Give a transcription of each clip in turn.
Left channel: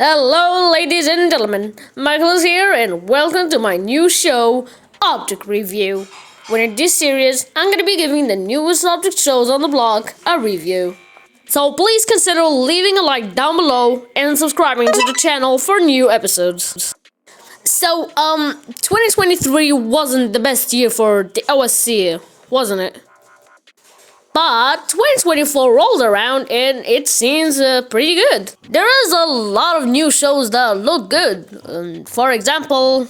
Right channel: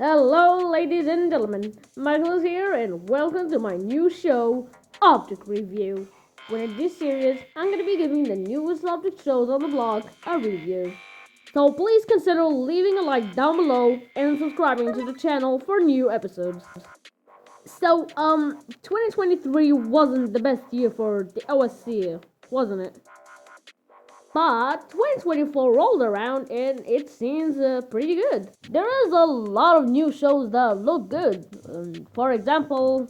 Hello, ladies and gentlemen. Michael is here, and welcome to my new show, Object Review. Where in this series, I'm gonna be giving the newest object shows on the blog a review. So please consider leaving a like down below and subscribing to the channel for new episodes. So, 2023 wasn't the best year for the OSC, wasn't it? But 2024 rolled around and it seems pretty good. There is a lot of new shows that look good. For example,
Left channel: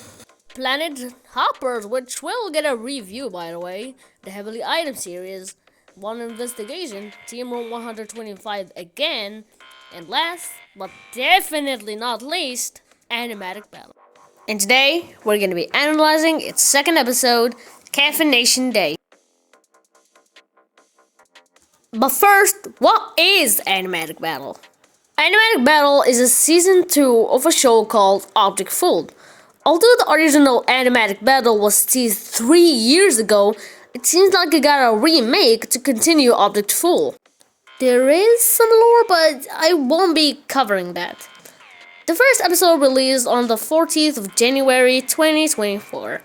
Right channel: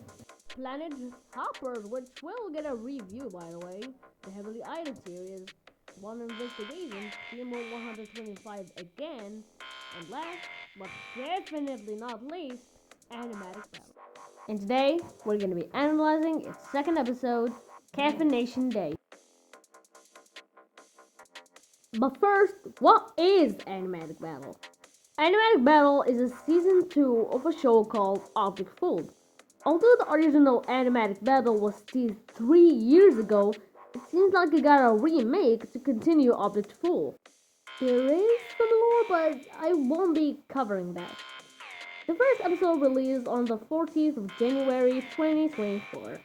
Planet Hoppers, which will get a review by the way, the Heavily Item series, One Investigation, Team Room 125 again, and last but definitely not least, Animatic Battle. And today we're going to be analyzing its second episode, Caffeination Day. But first, what is Animatic Battle? Animatic Battle is a season 2 of a show called Object Fooled. Although the original Animatic Battle was teased 3 years ago, it seems like it got a remake to continue Object Fool. There is some lore, but I won't be covering that. The first episode released on the 14th of January 2024,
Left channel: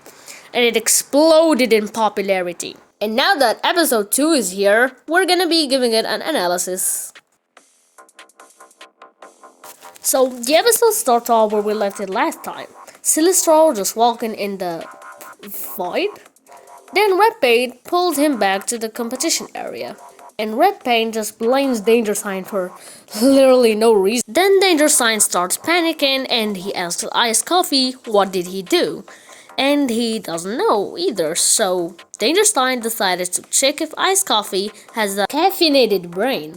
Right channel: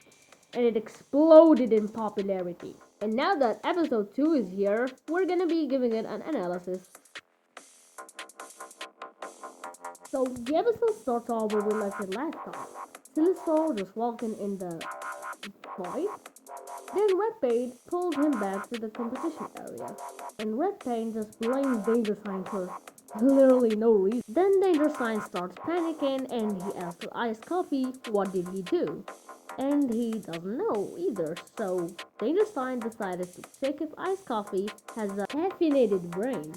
and it exploded in popularity. And now that episode 2 is here, we're gonna be giving it an analysis. So the episode starts off where we left it last time. Silistro just walking in the void. Then Red Paint pulled him back to the competition area. And Red Paint just blames Danger Sign for literally no reason. Then Danger Sign starts panicking and he asks Ice Coffee what did he do. And he doesn't know either, so Dangerstein decided to check if Ice Coffee has a caffeinated brain.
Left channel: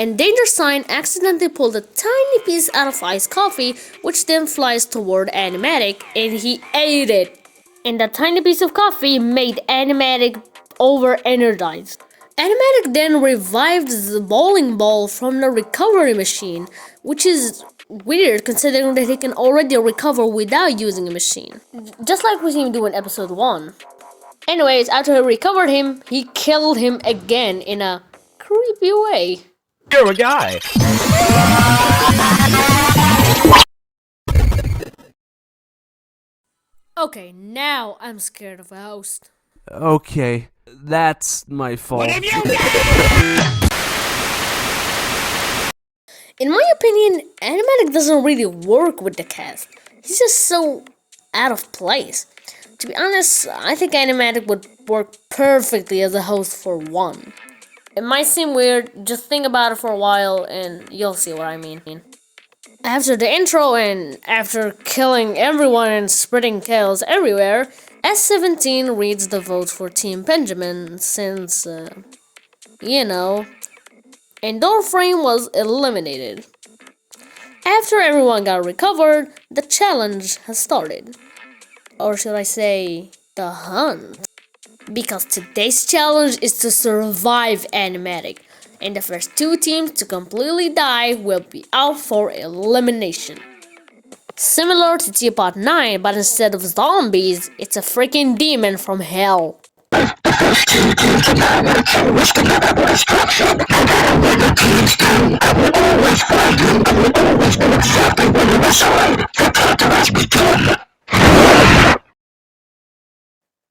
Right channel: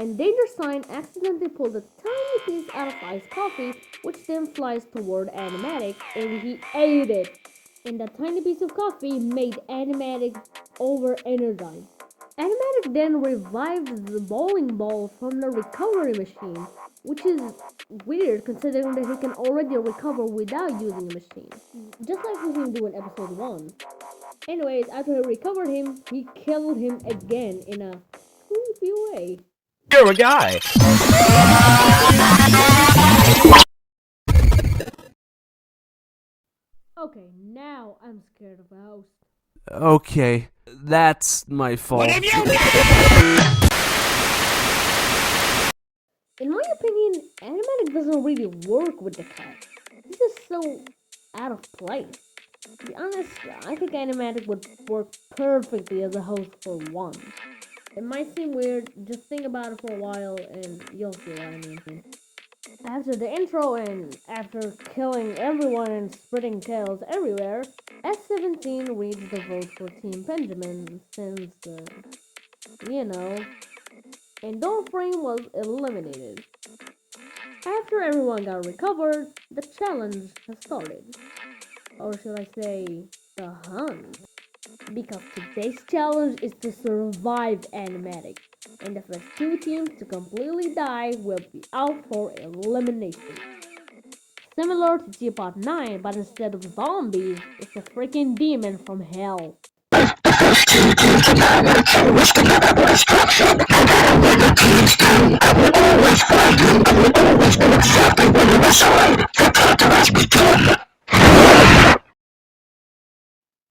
And Dangerstein accidentally pulled a tiny piece out of Ice Coffee, which then flies toward Animatic, and he ate it. And that tiny piece of coffee made Animatic over-energized. Animatic then revived the bowling ball from the recovery machine, which is weird considering that he can already recover without using a machine. Just like we seen him do in episode 1. Anyways, after he recovered him, he killed him again in a creepy way. You're a guy! Okay, now I'm scared of a host. Okay, that's my fault. What have you done? In my opinion, Animatic doesn't really work with the cast. He's just so out of place. To be honest, I think Animatic would work perfectly as a host for one. It might seem weird, just think about it for a while and you'll see what I mean. After the intro and after killing everyone and spreading chaos everywhere, S17 reads the votes for Team Benjamin since, and Doorframe was eliminated. After everyone got recovered, the challenge has started. Or should I say, the hunt? Because today's challenge is to survive Animatic, and the first 2 teams to completely die will be out for elimination. Similar to Teapot 9, but instead of zombies, it's a freaking demon from hell.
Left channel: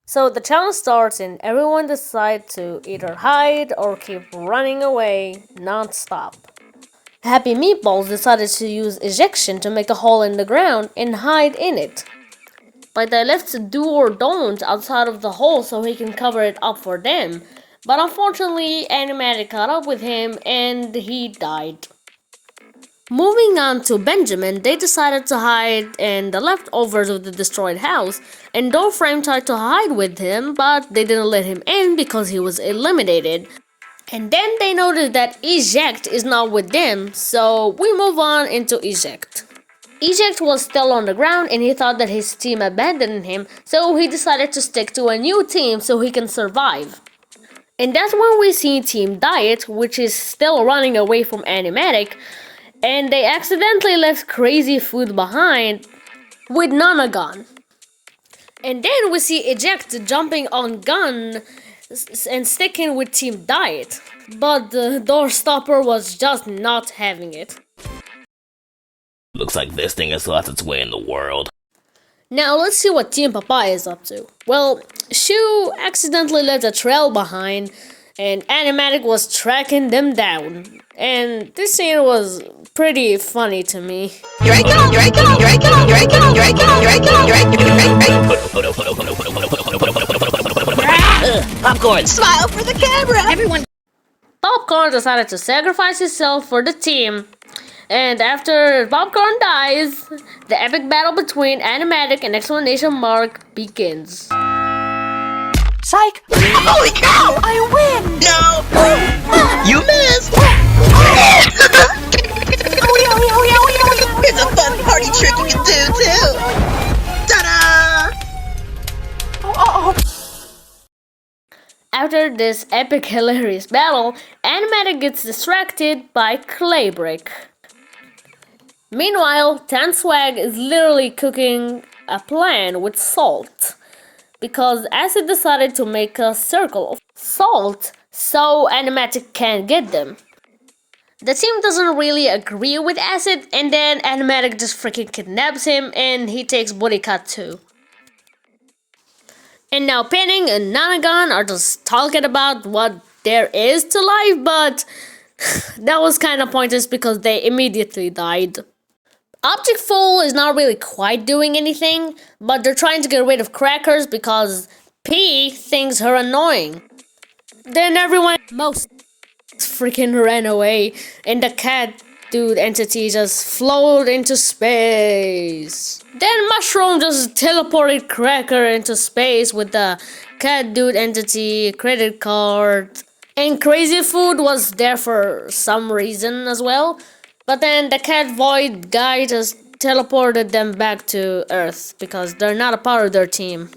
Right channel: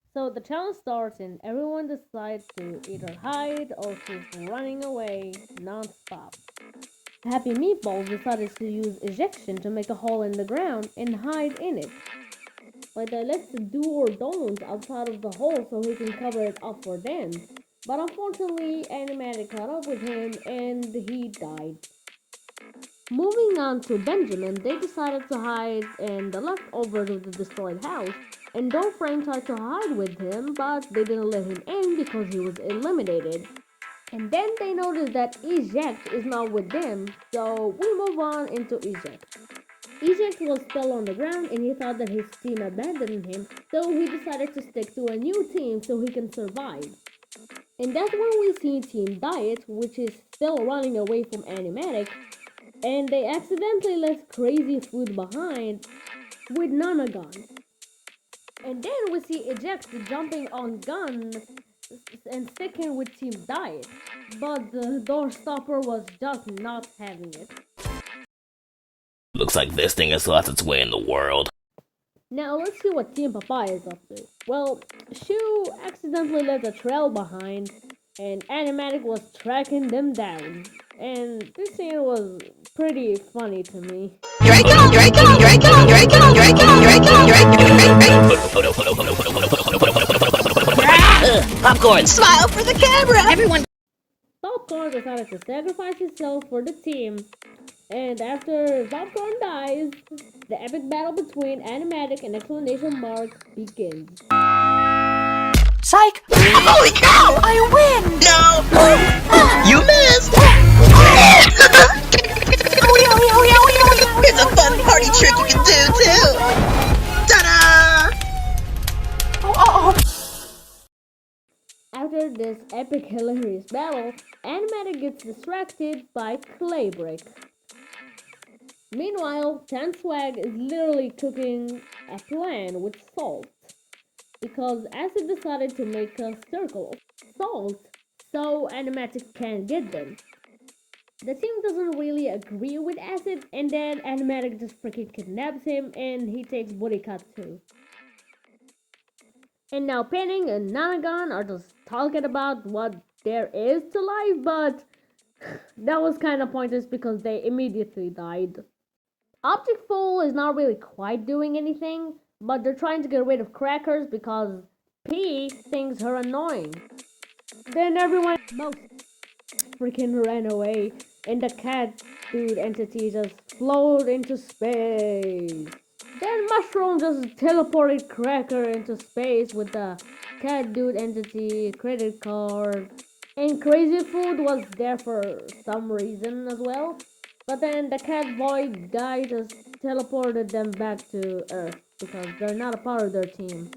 So the challenge starts and everyone decides to either hide or keep running away non-stop. Happy Meatballs decided to use ejection to make a hole in the ground and hide in it. But they left the do or don't outside of the hole so he can cover it up for them. But unfortunately, Animatic caught up with him and he died. Moving on to Benjamin, they decided to hide in the leftovers of the destroyed house, and Doorframe tried to hide with him, but they didn't let him in because he was eliminated. And then they noticed that Eject is not with them, so we move on into Eject. Eject was still on the ground and he thought that his team abandoned him, so he decided to stick to a new team so he can survive. And that's when we see Team Diet, which is still running away from Animatic, and they accidentally left Crazy Food behind with Nana Gun. And then we see Eject jumping on Gun and sticking with Team Diet, but the Doorstopper was just not having it. Looks like this thing has lost its way in the world. Now let's see what Team Papaya is up to. Well, Shu accidentally left a trail behind, and Animatic was tracking them down. And this scene was pretty funny to me. Here I come, here I come, here I come, here I come, here I come, here I come, here I come. Popcorn! Smile for the camera. Everyone. Popcorn decided to sacrifice himself for the team. And after Popcorn dies, the epic battle between Animatic and exclamation mark begins. Psych! Holy cow! I win! No! You missed! It's a fun party trick you can do too! Ta-da! After this epic hilarious battle, Animatic gets distracted by Clay Brick. Meanwhile, Tan Swag is literally cooking a plan with salt. Because Acid decided to make a circle of salt so Animatic can't get them. The team doesn't really agree with Acid, and then Animatic just freaking kidnaps him and he takes Body Cut too. And now Pinning and Nanagon are just talking about what there is to life, but that was kind of pointless because they immediately died. Object Fool is not really quite doing anything, but they're trying to get rid of Crackers because P thinks her annoying. Then everyone most freaking ran away, and the cat dude entity just floated into space. Then Mushroom just teleported Cracker into space with the cat dude entity credit card. And Crazy Food was there for some reason as well. But then the cat void guy just teleported them back to Earth because they're not a part of their team.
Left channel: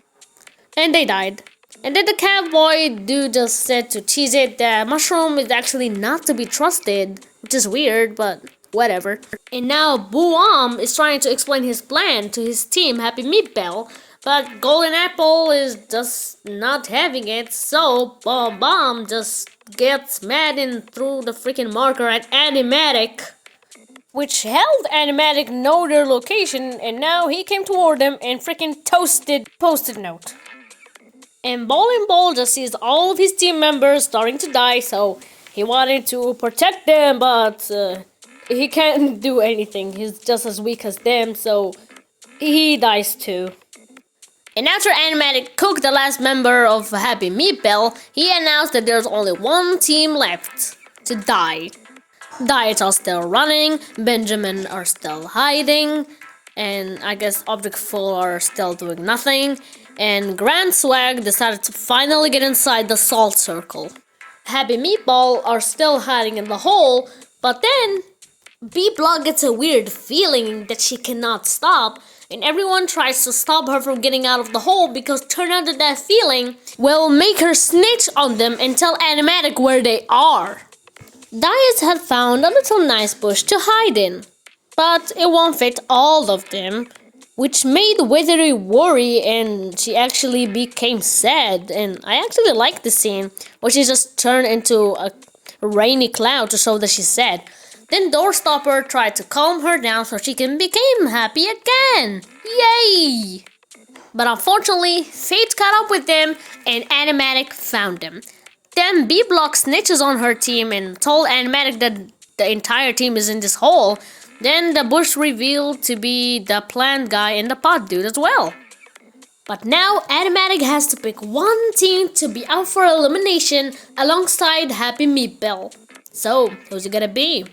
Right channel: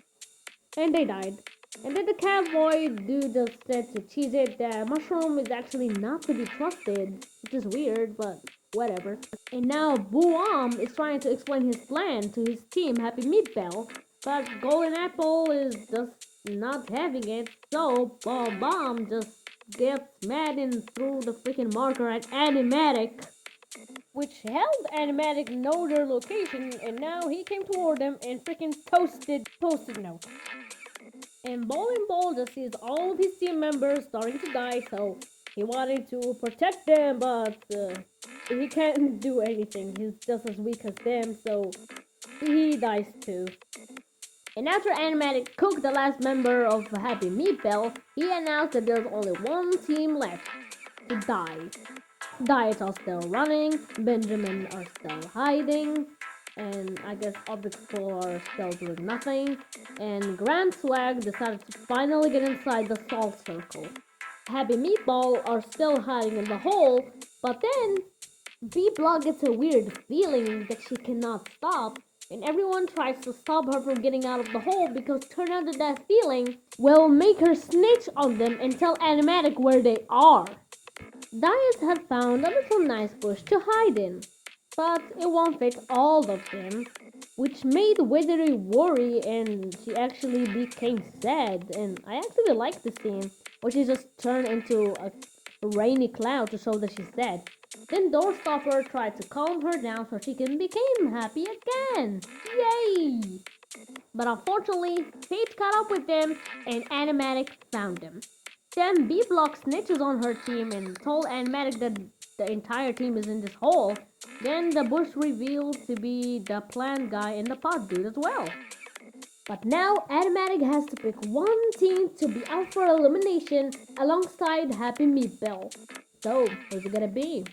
And they died. And then the cat void dude just said to Cheese It that Mushroom is actually not to be trusted, which is weird, but whatever. And now Boom is trying to explain his plan to his team Happy Meatball, but Golden Apple is just not having it, so Bomb just gets mad and threw the freaking marker at Animatic, which helped Animatic know their location, and now he came toward them and freaking toasted Post-it note. And Bowling Ball just sees all of his team members starting to die, so he wanted to protect them, but he can't do anything. He's just as weak as them, so he dies too. And after Animatic cooked the last member of Happy Meatball, he announced that there's only one team left to die. Diets are still running, Benjamin are still hiding, and I guess Object Full are still doing nothing, and Grand Swag decided to finally get inside the salt circle. Happy Meatball are still hiding in the hole, but then B-Block gets a weird feeling that she cannot stop, and everyone tries to stop her from getting out of the hole because turn out that feeling will make her snitch on them and tell Animatic where they are. Dias had found a little nice bush to hide in, but it won't fit all of them, which made Withery worry and she actually became sad. And I actually like the scene where she just turned into a rainy cloud to show that she's sad. Then Doorstopper tried to calm her down so she can become happy again. Yay! But unfortunately, fate caught up with them and Animatic found them. Then B-Block snitches on her team and told Animatic that the entire team is in this hole. Then the bush revealed to be the plant guy and the pot dude as well. But now Animatic has to pick one team to be out for elimination alongside Happy Meatball. So, who's it gonna be?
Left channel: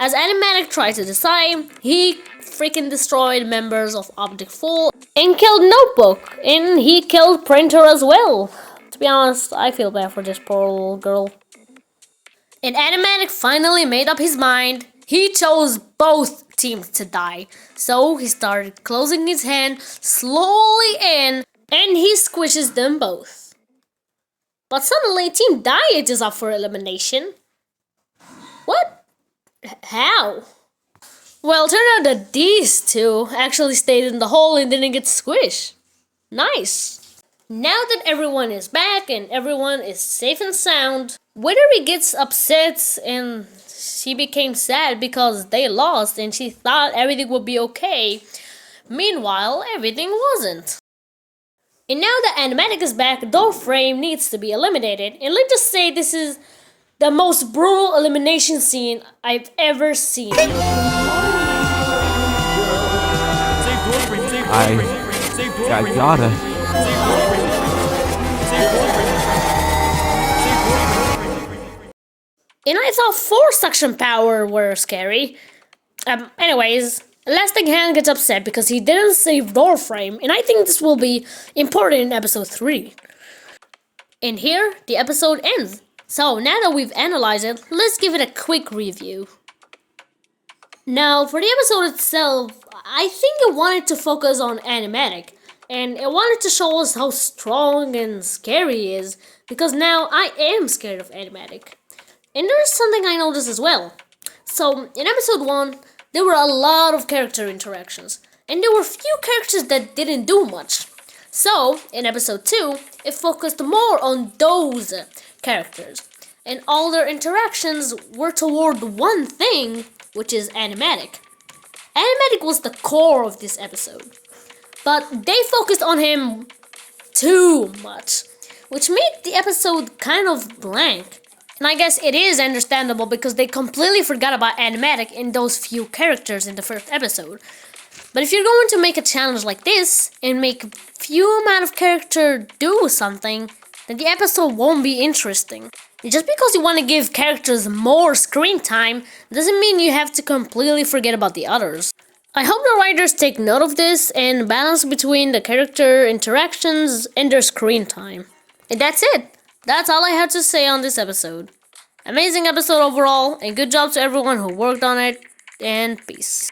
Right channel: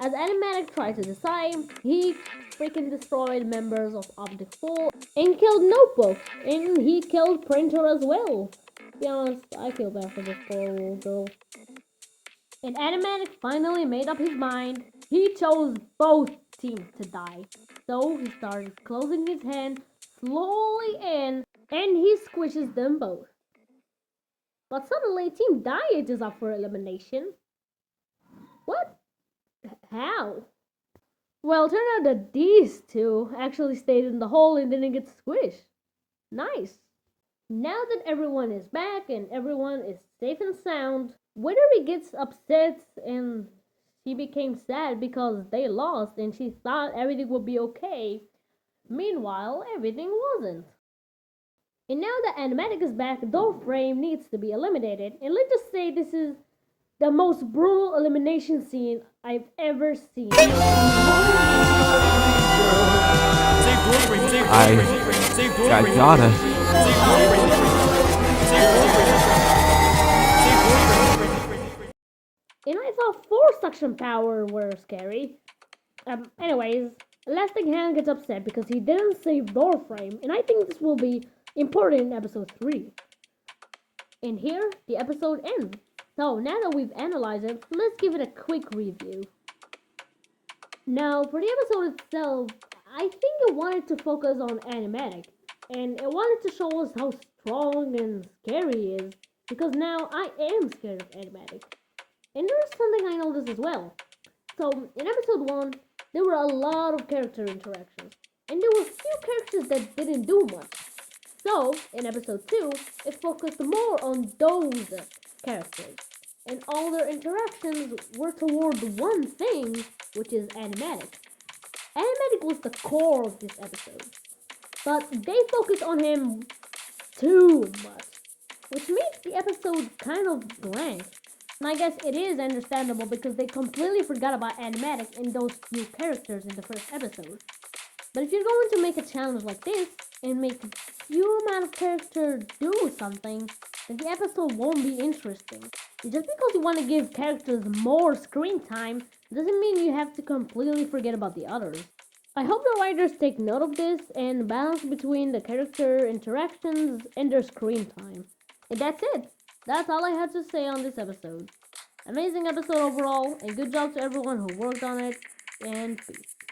As Animatic tried to decide, he freaking destroyed members of Object Full and killed Notebook, and he killed Printer as well. To be honest, I feel bad for this poor little girl. And Animatic finally made up his mind. He chose both teams to die. So he started closing his hand slowly in, and he squishes them both. But suddenly, Team Diet is up for elimination. What? How? Well, it turned out that these two actually stayed in the hole and didn't get squished. Nice. Now that everyone is back and everyone is safe and sound, Withery gets upset and she became sad because they lost and she thought everything would be okay. Meanwhile, everything wasn't. And now that Animatic is back, Doorframe needs to be eliminated. And let's just say this is the most brutal elimination scene I've ever seen. I gotta. And I thought 4 suction power were scary. Anyways, Elastic Hand gets upset because he didn't save Doorframe, and I think this will be important in episode 3. And here, the episode ends. So now that we've analyzed it, let's give it a quick review. Now, for the episode itself, I think it wanted to focus on Animatic, and it wanted to show us how strong and scary he is, because now I am scared of Animatic. And there's something I noticed as well. So, in episode 1, there were a lot of character interactions, and there were few characters that didn't do much. So, in episode 2, it focused more on those characters, and all their interactions were toward one thing, which is Animatic. Animatic was the core of this episode, but they focused on him too much, which made the episode kind of blank. And I guess it is understandable because they completely forgot about Animatic in those few characters in the first episode. But if you're going to make a challenge like this and make few amount of character do something, then the episode won't be interesting. And just because you want to give characters more screen time doesn't mean you have to completely forget about the others. I hope the writers take note of this and balance between the character interactions and their screen time. And that's it. That's all I had to say on this episode. Amazing episode overall, and good job to everyone who worked on it, and peace.